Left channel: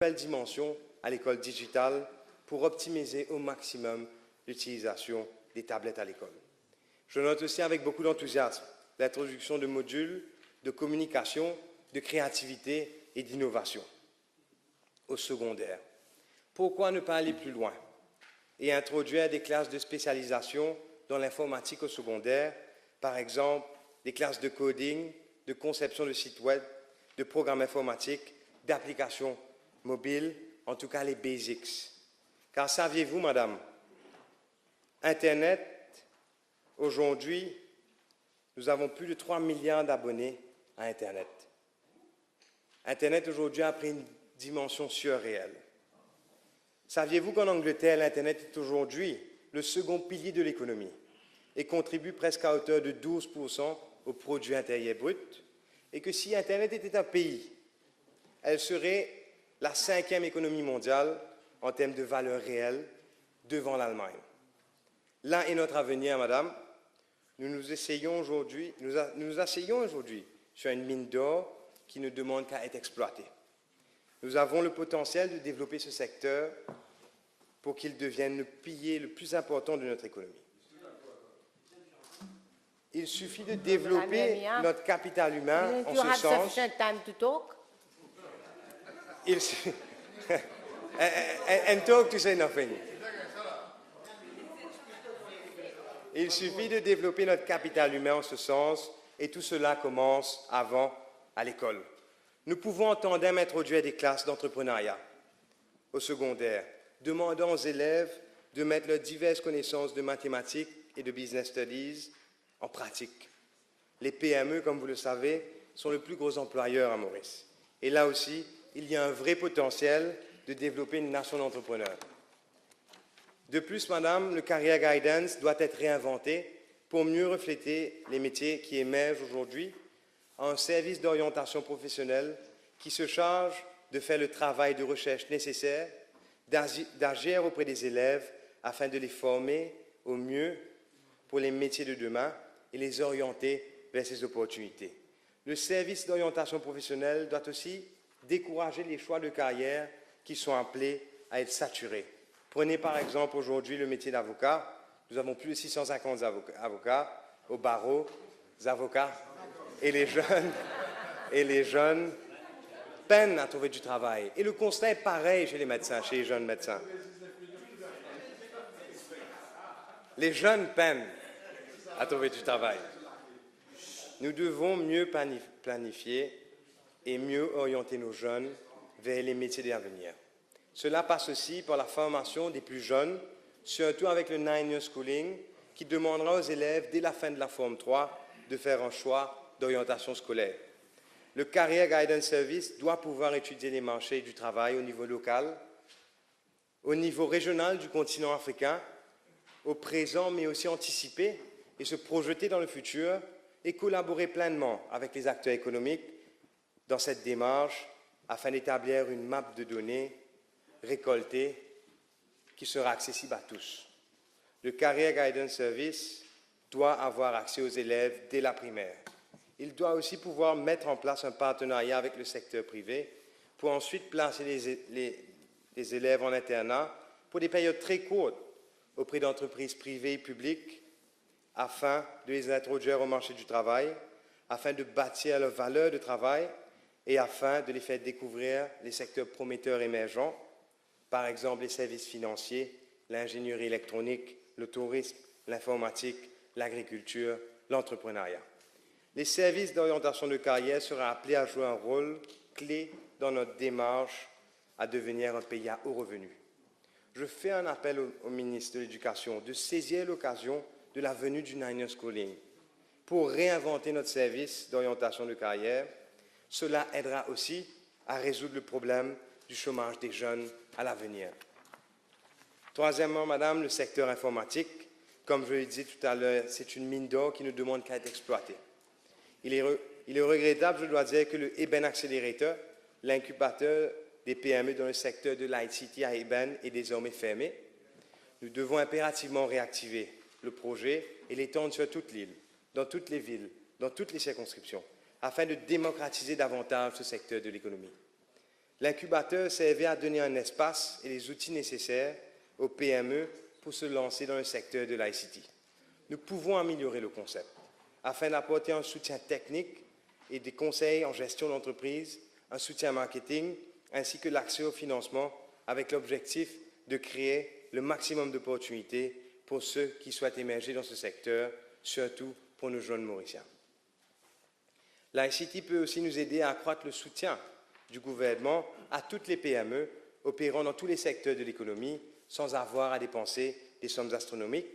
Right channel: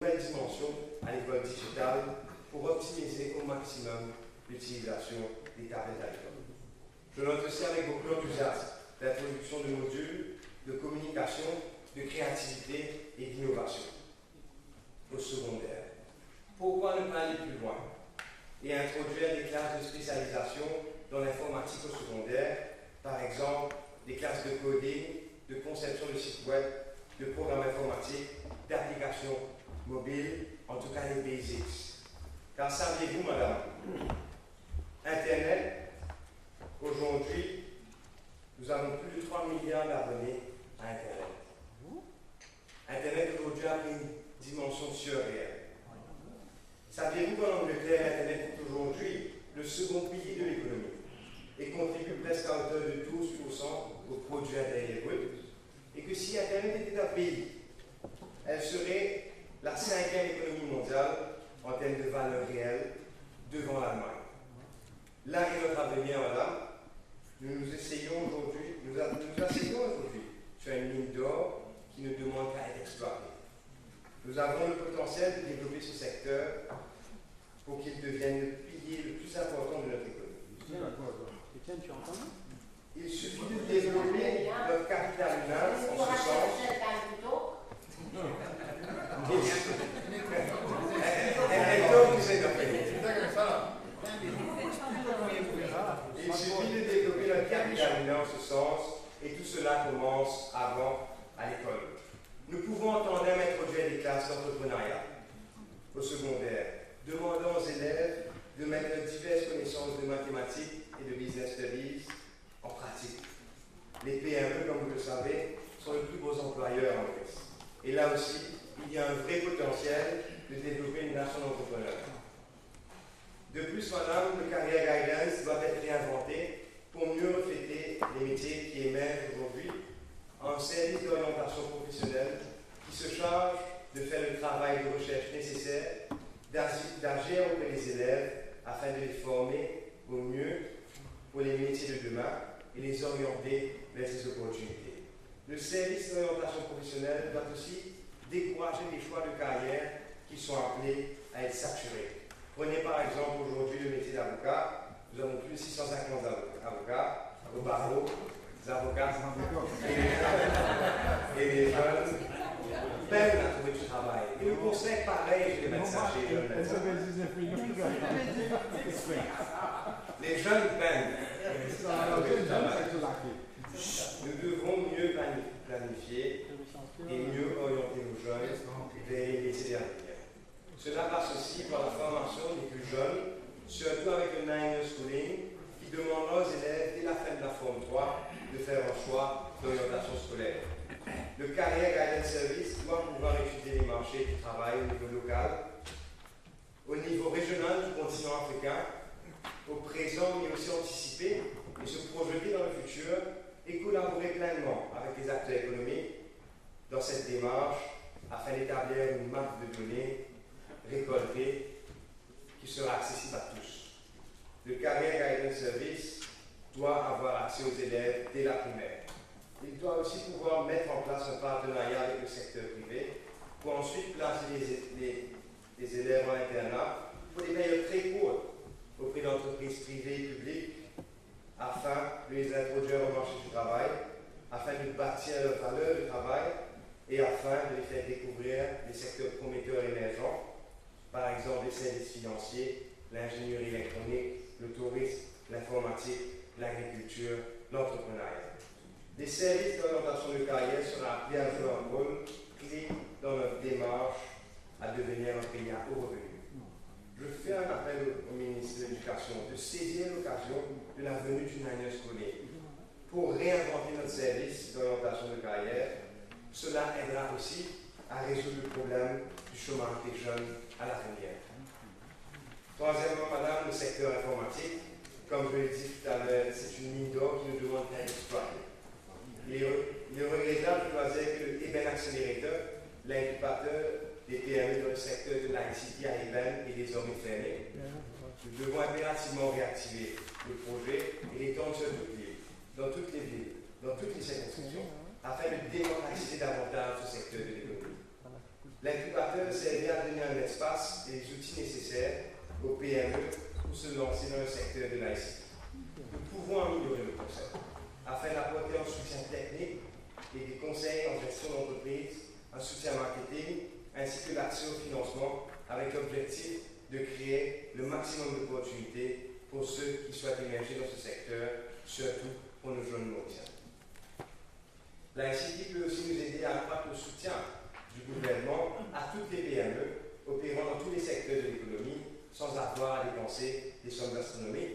nouvelle dimension à l'école digitale pour optimiser au maximum l'utilisation des tablettes à l'école. Je note aussi avec beaucoup d'enthousiasme l'introduction de modules de communication, de créativité et d'innovation au secondaire. Pourquoi ne pas aller plus loin et introduire des classes de spécialisation dans l'informatique au secondaire, par exemple des classes de coding, de conception de sites web, de programmes informatiques, d'applications mobiles, en tout cas les basics. Car saviez-vous, madame, Internet, aujourd'hui, nous avons plus de 3 milliards d'abonnés à Internet. Internet aujourd'hui a pris une dimension surréelle. Saviez-vous qu'en Angleterre, l'Internet est aujourd'hui le second pilier de l'économie et contribue presque à hauteur de 12% au produit intérieur brut, et que si Internet était un pays, elle serait la 5e économie mondiale en termes de valeur réelle devant l'Allemagne. Là est notre avenir, madame. Nous asseyons aujourd'hui sur une mine d'or qui ne demande qu'à être exploitée. Nous avons le potentiel de développer ce secteur pour qu'il devienne le pilier le plus important de notre économie. Il suffit de développer notre capital humain en ce sens. Il suffit de développer notre capital humain en ce sens, et tout cela commence avant à l'école. Nous pouvons en tandem introduire des classes d'entrepreneuriat au secondaire, demandant aux élèves de mettre leurs diverses connaissances de mathématiques et de business studies en pratique. Les PME, comme vous le savez, sont le plus gros employeur à Maurice. Et là aussi, il y a un vrai potentiel de développer une nation d'entrepreneurs. De plus, madame, le Career Guidance doit être réinventé pour mieux refléter les métiers qui émergent aujourd'hui, un service d'orientation professionnelle qui se charge de faire le travail de recherche nécessaire, d'agir auprès des élèves afin de les former au mieux pour les métiers de demain et les orienter vers ces opportunités. Le service d'orientation professionnelle doit aussi décourager les choix de carrière qui sont appelés à être saturés. Prenez par exemple aujourd'hui le métier d'avocat. Nous avons plus de 650 avocats au barreau, des avocats, et les jeunes peinent à trouver du travail. Et le constat est pareil chez les médecins, chez les jeunes médecins. Les jeunes peinent à trouver du travail. Nous devons mieux planifier et mieux orienter nos jeunes vers les métiers d'avenir. Cela passe aussi par la formation des plus jeunes, surtout avec le 9-year schooling, qui demandera aux élèves, dès la fin de la Forme 3, de faire un choix d'orientation scolaire. Le Career Guidance Service doit pouvoir étudier les marchés du travail au niveau local, au niveau régional du continent africain, au présent, mais aussi anticiper et se projeter dans le futur et collaborer pleinement avec les acteurs économiques dans cette démarche afin d'établir une map de données récoltées qui sera accessible à tous. Le Career Guidance Service doit avoir accès aux élèves dès la primaire. Il doit aussi pouvoir mettre en place un partenariat avec le secteur privé pour ensuite placer les élèves en internat pour des périodes très courtes auprès d'entreprises privées et publiques afin de les introduire au marché du travail, afin de bâtir leur valeur de travail et afin de les faire découvrir les secteurs prometteurs émergents, par exemple les services financiers, l'ingénierie électronique, le tourisme, l'informatique, l'agriculture, l'entrepreneuriat. Les services d'orientation de carrière seront appelés à jouer un rôle clé dans notre démarche à devenir un pays à haut revenu. Je fais un appel au ministre de l'Éducation de saisir l'occasion de la venue du 9-year schooling pour réinventer notre service d'orientation de carrière. Cela aidera aussi à résoudre le problème du chômage des jeunes à l'avenir. Troisièmement, madame, le secteur informatique, comme je l'ai dit tout à l'heure, c'est une mine d'or qui ne demande qu'à être exploitée. Il est regrettable, je dois dire, que le Eben Accelerator, l'incubateur des PME dans le secteur de l'ICT à Eben, est désormais fermé. Nous devons impérativement réactiver le projet et l'étendre sur toute l'île, dans toutes les villes, dans toutes les circonscriptions, afin de démocratiser davantage ce secteur de l'économie. L'incubateur servait à donner un espace et les outils nécessaires aux PME pour se lancer dans le secteur de l'ICT. Nous pouvons améliorer le concept afin d'apporter un soutien technique et des conseils en gestion d'entreprise, un soutien marketing, ainsi que l'accès au financement avec l'objectif de créer le maximum d'opportunités pour ceux qui souhaitent émerger dans ce secteur, surtout pour nos jeunes Mauriciens. L'ICT peut aussi nous aider à accroître le soutien du gouvernement à toutes les PME opérant dans tous les secteurs de l'économie sans avoir à dépenser des sommes astronomiques.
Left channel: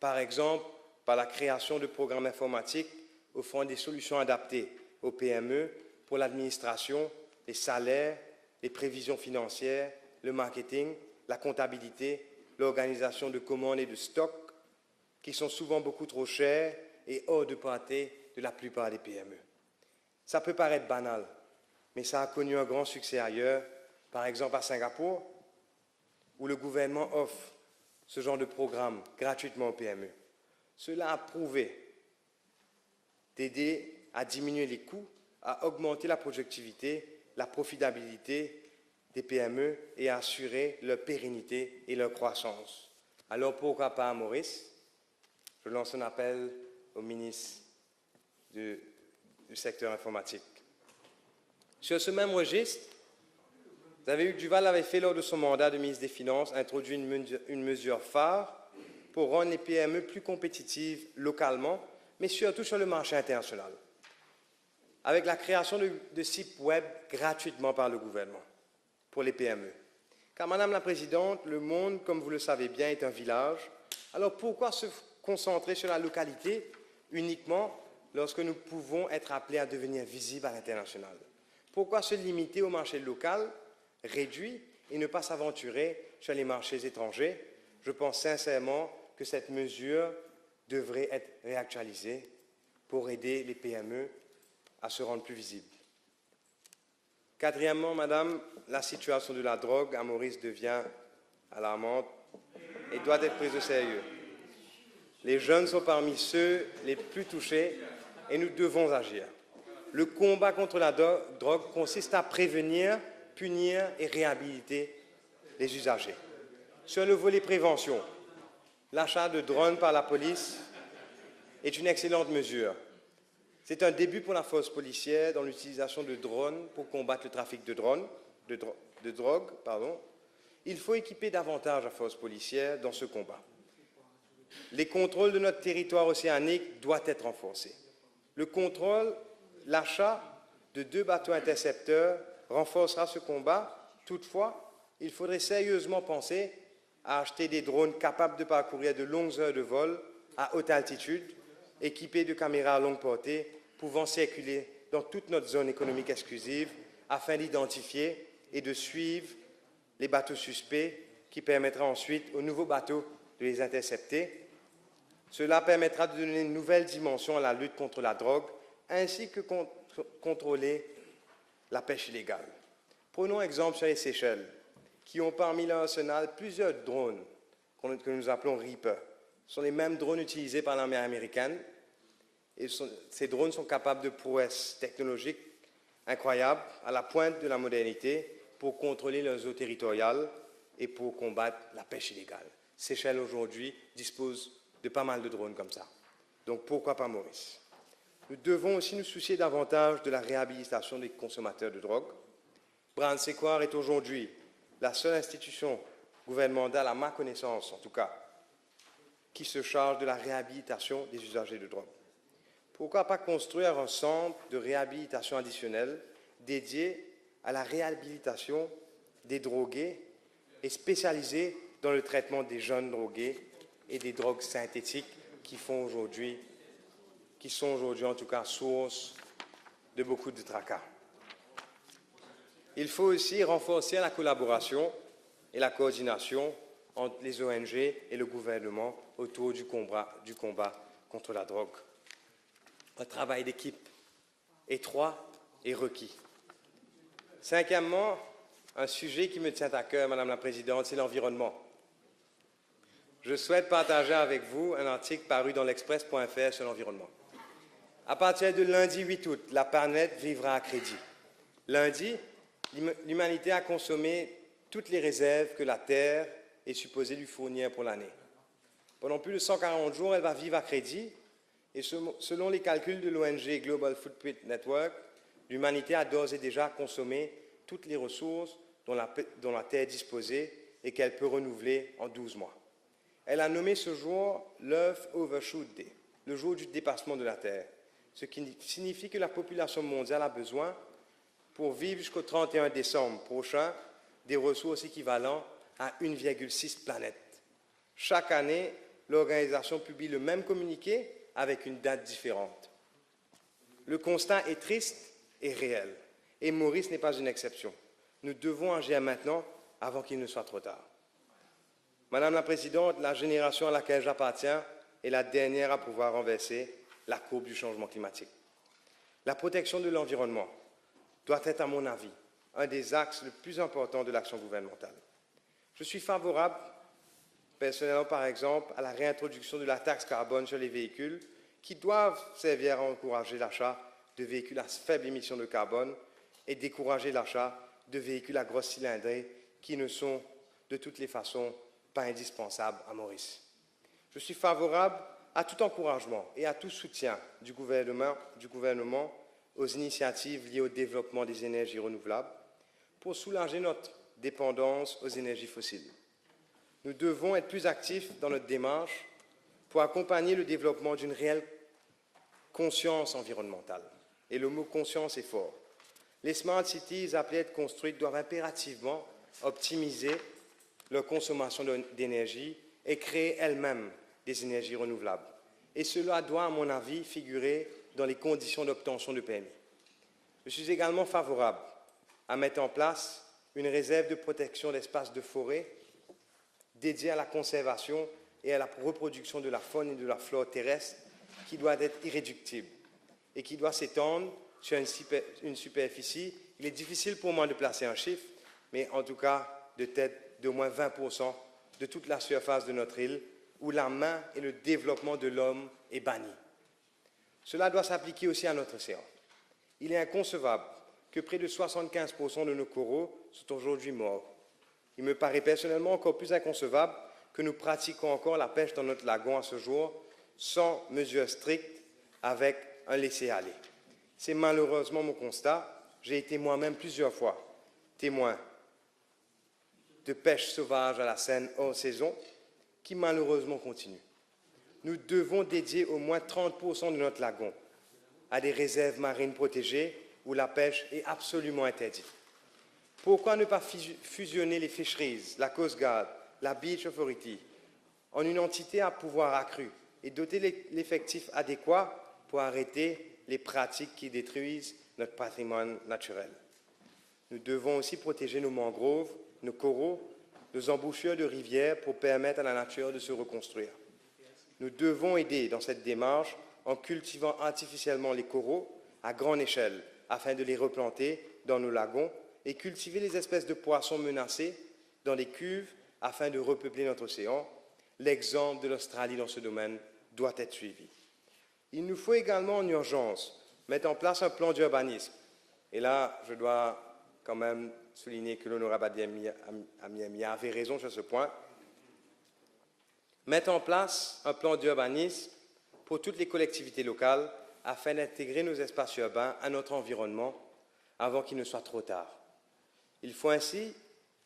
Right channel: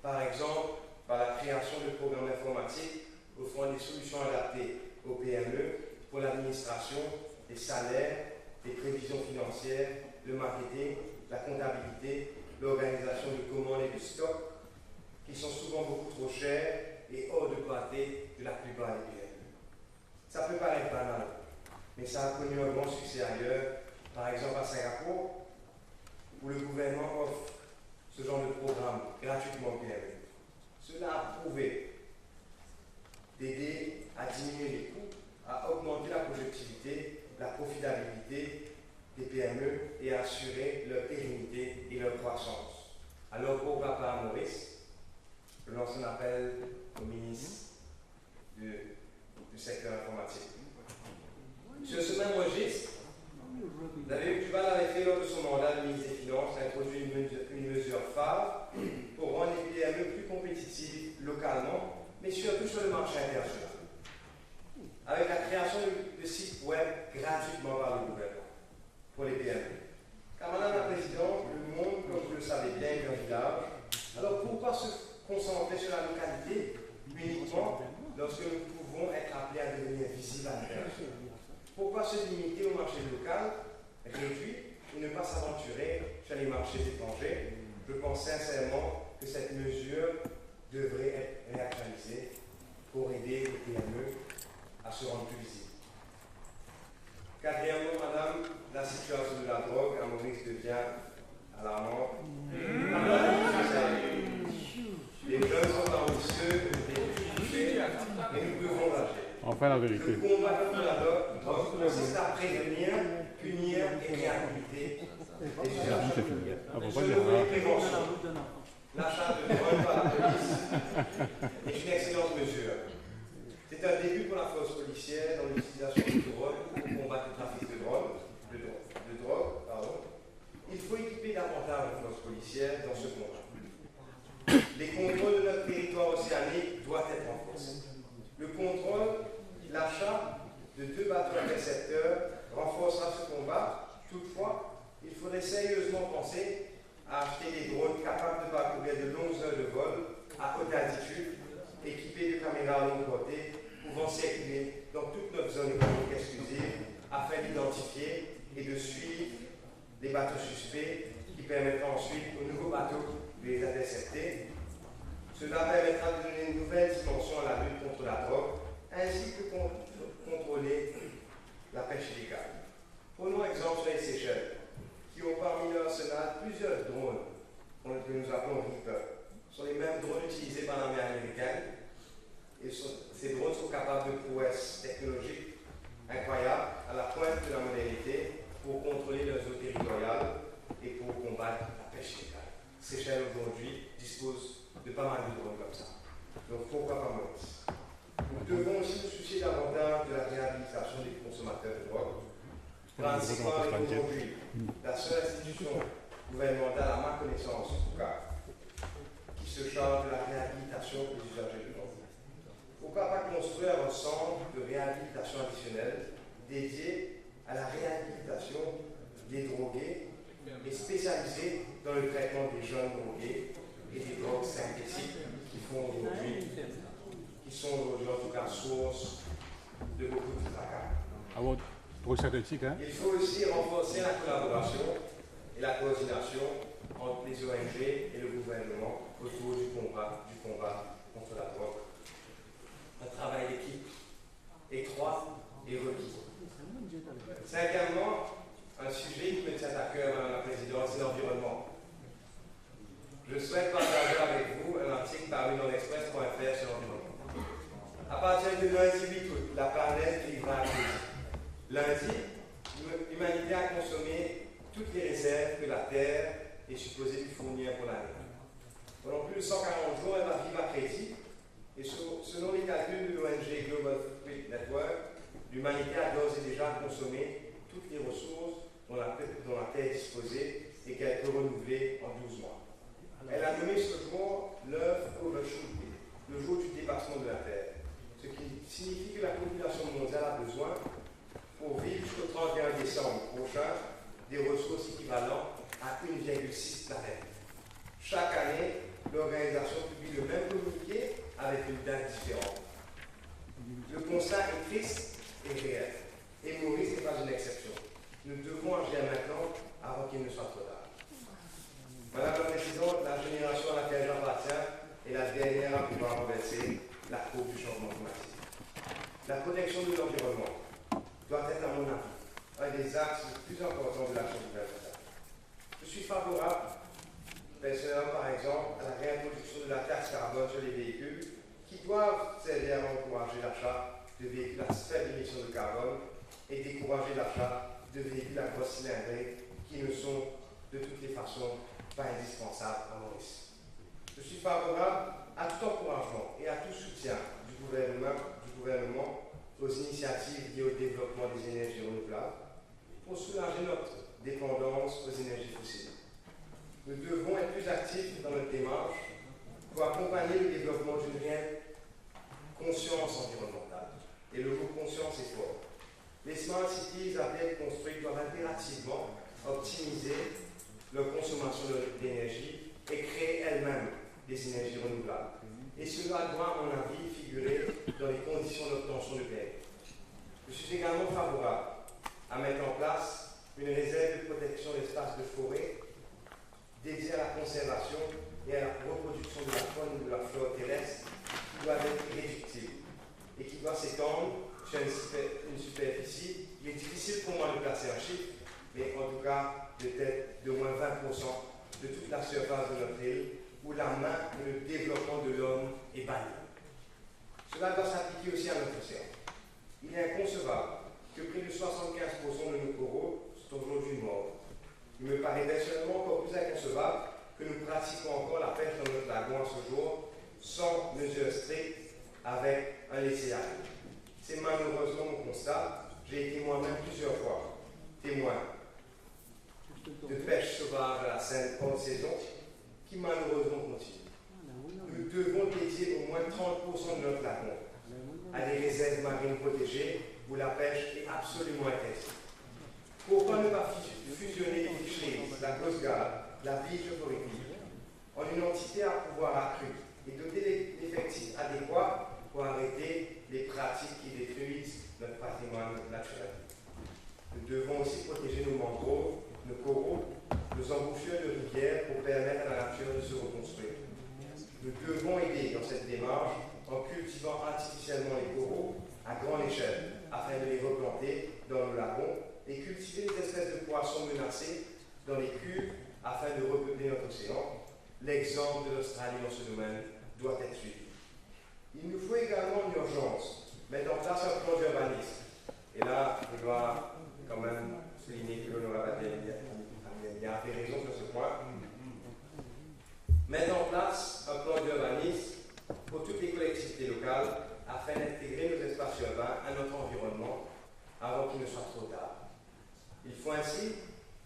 Par exemple, par la création de programmes informatiques offrant des solutions adaptées aux PME pour l'administration, les salaires, les prévisions financières, le marketing, la comptabilité, l'organisation de commandes et de stocks, qui sont souvent beaucoup trop chers et hors de portée de la plupart des PME. Ça peut paraître banal, mais ça a connu un grand succès ailleurs, par exemple à Singapour, où le gouvernement offre ce genre de programme gratuitement aux PME. Cela a prouvé d'aider à diminuer les coûts, à augmenter la productivité, la profitabilité des PME et à assurer leur pérennité et leur croissance. Alors pourquoi pas à Maurice? Je lance un appel au ministre du secteur informatique. Sur ce même registre, David Duval avait fait lors de son mandat de ministre des Finances introduit une mesure phare pour rendre les PME plus compétitives localement, mais surtout sur le marché international, avec la création de sites web gratuitement par le gouvernement pour les PME. Car Madame la Présidente, le monde, comme vous le savez bien, est un village. Alors pourquoi se concentrer sur la localité uniquement lorsque nous pouvons être appelés à devenir visibles à l'international? Pourquoi se limiter au marché local réduit et ne pas s'aventurer sur les marchés étrangers? Je pense sincèrement que cette mesure devrait être réactualisée pour aider les PME à se rendre plus visibles. Quatrièmement, Madame, la situation de la drogue à Maurice devient alarmante. Elle doit être plus sérieuse. Les jeunes sont parmi ceux les plus touchés et nous devons agir. Enfin, la vérité. Le combat contre la drogue consiste à prévenir, punir et réhabiliter les usagers. Sur le volet prévention, l'achat de drones par la police est une excellente mesure. C'est un début pour la force policière dans l'utilisation du drone pour combattre le trafic de drogue. Il faut équiper davantage la force policière dans ce combat. Les contrôles de notre territoire océanique doivent être renforcés. Le contrôle, l'achat de 2 bateaux intercepteurs renforcera ce combat. Toutefois, il faudrait sérieusement penser à acheter des drones capables de parcourir de longues heures de vol à haute altitude, équipés de caméras à longue portée, pouvant circuler dans toute notre zone économique exclusive afin d'identifier et de suivre les bateaux suspects qui permettra ensuite aux nouveaux bateaux de les intercepter. Cela permettra de donner une nouvelle dimension à la lutte contre la drogue ainsi que contrôler la pêche illégale. Prenons exemple sur les Seychelles, qui ont parmi leur arsenal plusieurs drones que nous appelons Reaper. Ce sont les mêmes drones utilisés par l'armée américaine. Et ces drones sont capables de prouesses technologiques incroyables à la pointe de la modernité pour contrôler leurs eaux territoriales et pour combattre la pêche illégale. Seychelles aujourd'hui dispose de pas mal de drones comme ça. Donc pourquoi pas Maurice? Nous devons aussi nous soucier davantage de la réhabilitation des consommateurs de drogue. Brand Séquard est aujourd'hui la seule institution gouvernementale, à ma connaissance en tout cas, qui se charge de la réhabilitation des usagers de drogue. Pourquoi pas construire un centre de réhabilitation additionnel dédié à la réhabilitation des drogués et spécialisé dans le traitement des jeunes drogués et des drogues synthétiques qui sont aujourd'hui en tout cas source de beaucoup de tracas. Il faut aussi renforcer la collaboration et la coordination entre les ONG et le gouvernement autour du combat contre la drogue. Un travail d'équipe étroit et requis. Cinquièmement, un sujet qui me tient à cœur, Madame la Présidente, c'est l'environnement. Je souhaite partager avec vous un article paru dans l'Express.fr sur l'environnement. À partir de lundi 8 août, la planète vivra à crédit. Lundi, l'humanité a consommé toutes les réserves que la Terre est supposée lui fournir pour l'année. Pendant plus de 140 jours, elle va vivre à crédit, et selon les calculs de l'ONG Global Footprint Network, l'humanité a d'ores et déjà consommé toutes les ressources dont la Terre est disposée et qu'elle peut renouveler en 12 mois. Elle a nommé ce jour l'Earth Overshoot Day, le jour du dépassement de la Terre, ce qui signifie que la population mondiale a besoin, pour vivre jusqu'au 31 décembre prochain, des ressources équivalentes à 1,6 planètes. Chaque année, l'organisation publie le même communiqué avec une date différente. Le constat est triste et réel, et Maurice n'est pas une exception. Nous devons agir maintenant avant qu'il ne soit trop tard. Madame la Présidente, la génération à laquelle j'appartiens est la dernière à pouvoir renverser la courbe du changement climatique. La protection de l'environnement doit être, à mon avis, un des axes les plus importants de l'action gouvernementale. Je suis favorable, personnellement par exemple, à la réintroduction de la taxe carbone sur les véhicules qui doivent servir à encourager l'achat de véhicules à faible émission de carbone et décourager l'achat de véhicules à grosse cylindrée qui ne sont de toutes les façons pas indispensables à Maurice. Je suis favorable à tout encouragement et à tout soutien du gouvernement aux initiatives liées au développement des énergies renouvelables pour soulager notre dépendance aux énergies fossiles. Nous devons être plus actifs dans notre démarche pour accompagner le développement d'une réelle conscience environnementale. Et le mot conscience est fort. Les smart cities appelées à être construites doivent impérativement optimiser leur consommation d'énergie et créer elles-mêmes des énergies renouvelables. Et cela doit, à mon avis, figurer dans les conditions d'obtention de permis. Je suis également favorable à mettre en place une réserve de protection d'espaces de forêt dédiée à la conservation et à la reproduction de la faune et de la flore terrestre qui doit être irréductible et qui doit s'étendre sur une superficie. Il est difficile pour moi de placer un chiffre, mais en tout cas de tête d'au moins 20% de toute la surface de notre île où la main et le développement de l'homme est banni. Cela doit s'appliquer aussi à notre océan. Il est inconcevable que près de 75% de nos coraux sont aujourd'hui morts. Il me paraît personnellement encore plus inconcevable que nous pratiquions encore la pêche dans notre lagon à ce jour sans mesures strictes avec un laisser-aller. C'est malheureusement mon constat. J'ai été moi-même plusieurs fois témoin de pêche sauvage à la Seine hors saison qui malheureusement continue. Nous devons dédier au moins 30% de notre lagon à des réserves marines protégées où la pêche est absolument interdite. Pourquoi ne pas fusionner les fisheries, la Coast Guard, la Beach Authority en une entité à pouvoir accru et doter l'effectif adéquat pour arrêter les pratiques qui détruisent notre patrimoine naturel. Nous devons aussi protéger nos mangroves, nos coraux, nos embouchures de rivières pour permettre à la nature de se reconstruire. Nous devons aider dans cette démarche en cultivant artificiellement les coraux à grande échelle afin de les replanter dans nos lagons et cultiver les espèces de poissons menacées dans les cuves afin de repeupler notre océan. L'exemple de l'Australie dans ce domaine doit être suivi. Il nous faut également en urgence mettre en place un plan d'urbanisme. Et là, je dois quand même souligner que l'honorable Amiamia avait raison sur ce point. Mettre en place un plan d'urbanisme pour toutes les collectivités locales afin d'intégrer nos espaces urbains à notre environnement avant qu'il ne soit trop tard. Il faut ainsi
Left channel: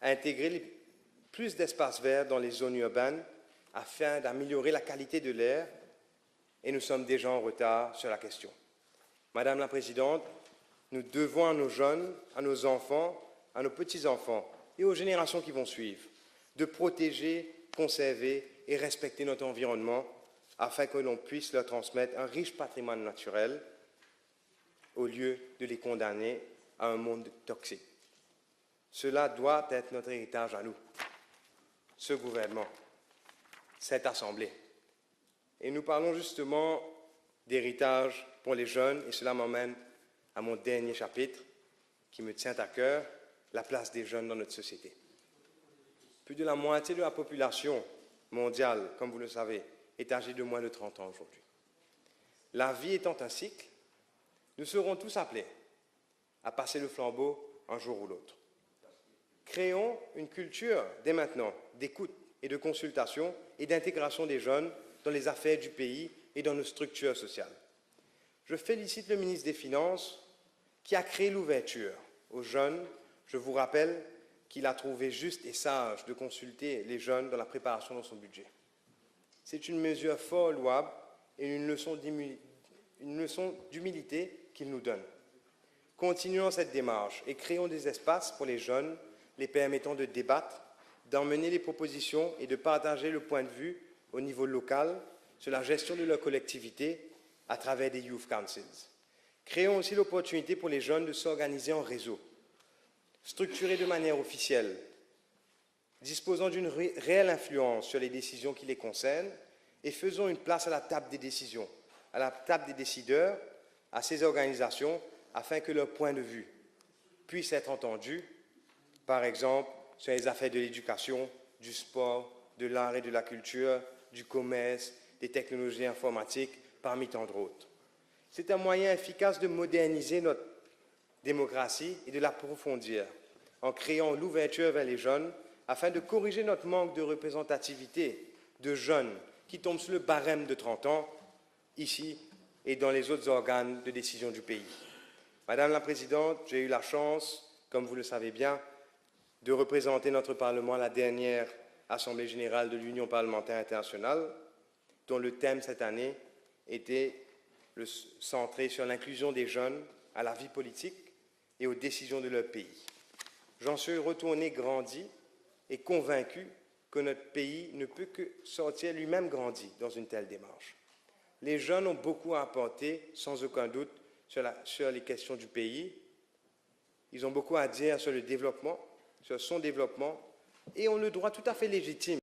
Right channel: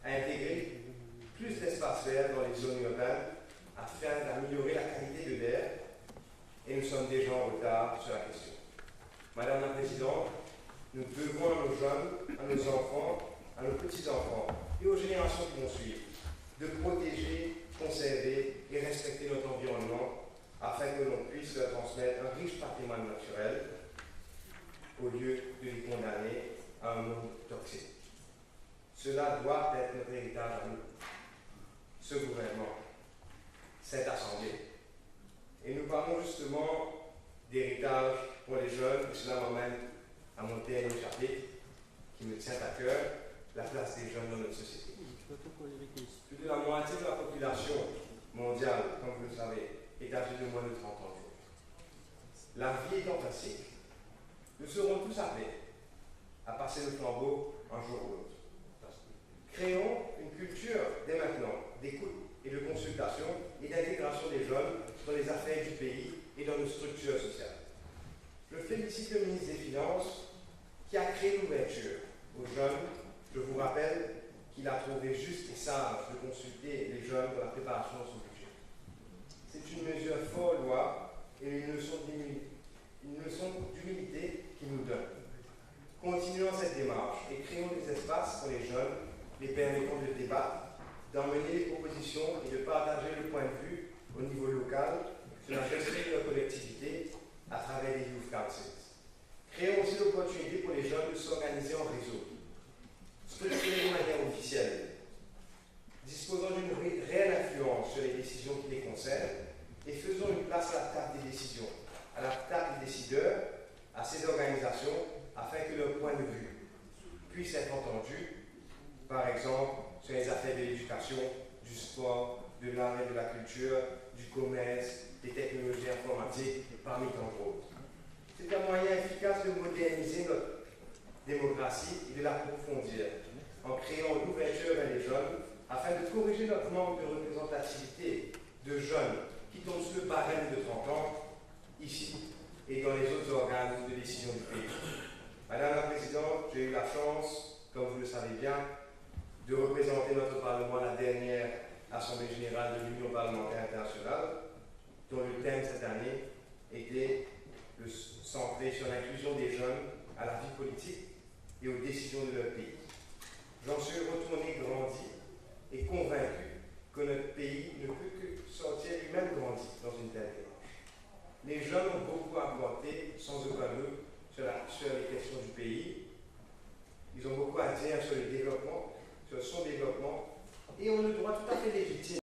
intégrer plus d'espaces verts dans les zones urbaines afin d'améliorer la qualité de l'air et nous sommes déjà en retard sur la question. Madame la Présidente, nous devons à nos jeunes, à nos enfants, à nos petits-enfants et aux générations qui vont suivre de protéger, conserver et respecter notre environnement afin que l'on puisse leur transmettre un riche patrimoine naturel au lieu de les condamner à un monde toxique. Cela doit être notre héritage à nous, ce gouvernement, cette Assemblée. Et nous parlons justement d'héritage pour les jeunes, et cela m'emmène à mon dernier chapitre qui me tient à cœur, la place des jeunes dans notre société. Plus de la moitié de la population mondiale, comme vous le savez, est âgée de moins de 30 ans aujourd'hui. La vie étant un cycle, nous serons tous appelés à passer le flambeau un jour ou l'autre. Créons une culture, dès maintenant, d'écoute et de consultation et d'intégration des jeunes dans les affaires du pays et dans nos structures sociales. Je félicite le ministre des Finances qui a créé l'ouverture aux jeunes. Je vous rappelle qu'il a trouvé juste et sage de consulter les jeunes dans la préparation de son budget. C'est une mesure fort louable et une leçon d'humilité qu'il nous donne. Continuons cette démarche et créons des espaces pour les jeunes, les permettant de débattre, d'emmener des propositions et de partager le point de vue au niveau local sur la gestion de leur collectivité à travers des Youth Councils. Créons aussi l'opportunité pour les jeunes de s'organiser en réseau, structurés de manière officielle, disposant d'une réelle influence sur les décisions qui les concernent et faisons une place à la table des décisions, à la table des décideurs, à ces organisations, afin que leur point de vue puisse être entendu, par exemple, sur les affaires de l'éducation, du sport, de l'art et de la culture, du commerce, des technologies informatiques, parmi tant d'autres. C'est un moyen efficace de moderniser notre démocratie et de l'approfondir, en créant l'ouverture vers les jeunes, afin de corriger notre manque de représentativité de jeunes qui tombent sous le barème de 30 ans, ici et dans les autres organes de décision du pays. Madame la Présidente, j'ai eu la chance, comme vous le savez bien, de représenter notre Parlement à la dernière Assemblée générale de l'Union parlementaire internationale, dont le thème cette année était centré sur l'inclusion des jeunes à la vie politique et aux décisions de leur pays. J'en suis retourné grandi et convaincu que notre pays ne peut que sortir lui-même grandi dans une telle démarche. Les jeunes ont beaucoup à apporter, sans aucun doute, sur les questions du pays. Ils ont beaucoup à dire sur le développement, sur son développement, et ont le droit tout à fait légitime